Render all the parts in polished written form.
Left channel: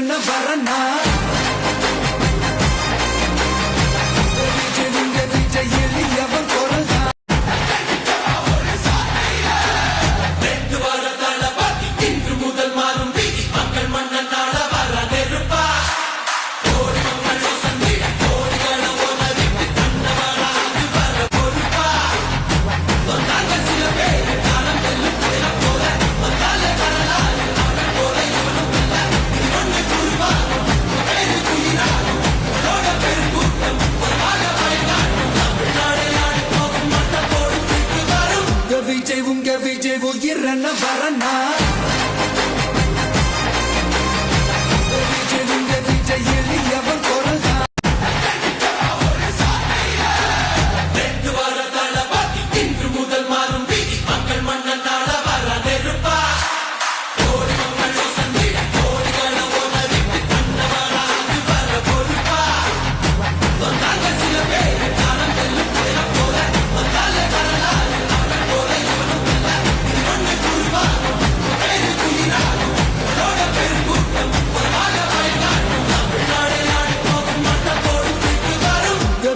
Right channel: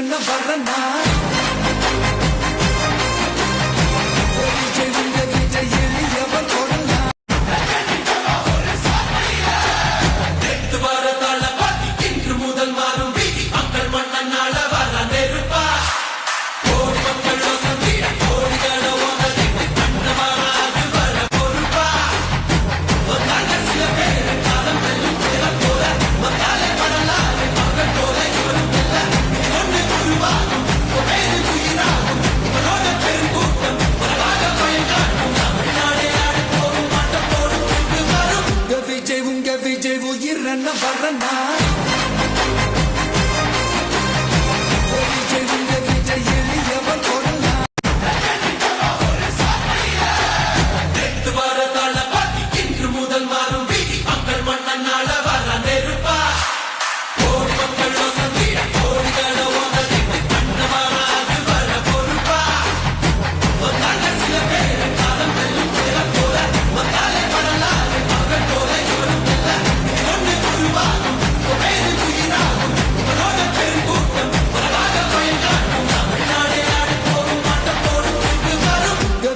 உயிரன வரனா விஜய் உங்க விஜய் எளியவன் கொரலா விஜய் உங்க விஜய் உயிரன வரனா விஜய் உங்க விஜய் எளியவன் கொரலா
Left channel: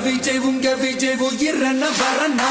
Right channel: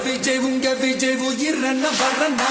விஜய் உங்க விஜய் உயிரன வரனா